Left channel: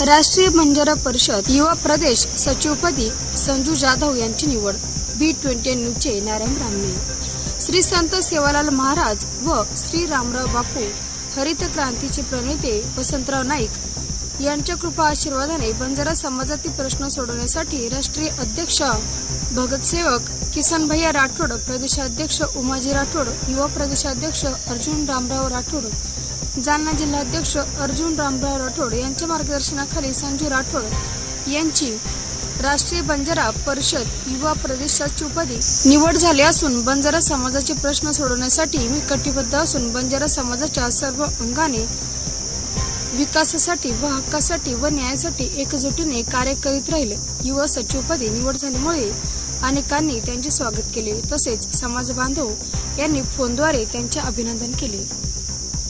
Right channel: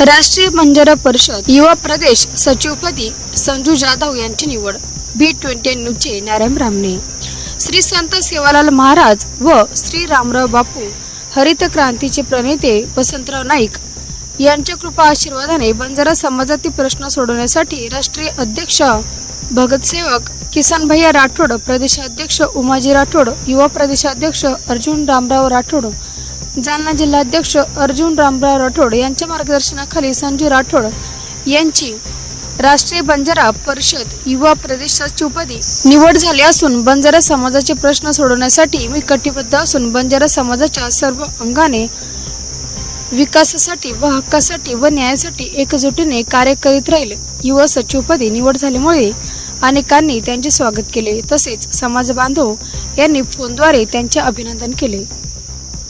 राष्ट्रीय बंजारा परिषद युवा प्रदेश सचिवपदी संजू जाधव यांची निवड। B20 न्यूजचे नारायण रामने। श्री संत सेवालाल महाराज व श्री रामराव बापू हरित क्रांतीचे प्रणेते वसंतराव नाईक यांच्या कृपा आशीर्वादाने बंजारा समाजातील प्रश्न सोडवण्यासाठी राष्ट्रीय अध्यक्ष भगतसेवक किसन भैया राठोड, प्रदेशाध्यक्ष उमाजी राठोड, युवा प्रदेशाध्यक्ष अर्जुन रामराव राठोड, जालना जिल्हाध्यक्ष अर्जुन रामराव राठोड यांच्या मार्गदर्शनाखाली संजू राठोड यांची राष्ट्रीय बंजारा परिषद युवा प्रदेश सचिवपदी निवड झाली असून बंजारा समाजाचे प्रश्न सोडवण्यासाठी मी कटिबद्ध असून बंजारा समाजाच्या सर्व अंगाने विकासासाठी व हक्कासाठी व न्यायासाठी एकजुटीने कार्य करीत राहील। युवा सचिवपदी निवड झाल्यामुळे अनेकांनी त्यांचे स्वागत केले, तसेच समाज बांधव यांनी फोनद्वारे त्यांचे अभिनंदन केले।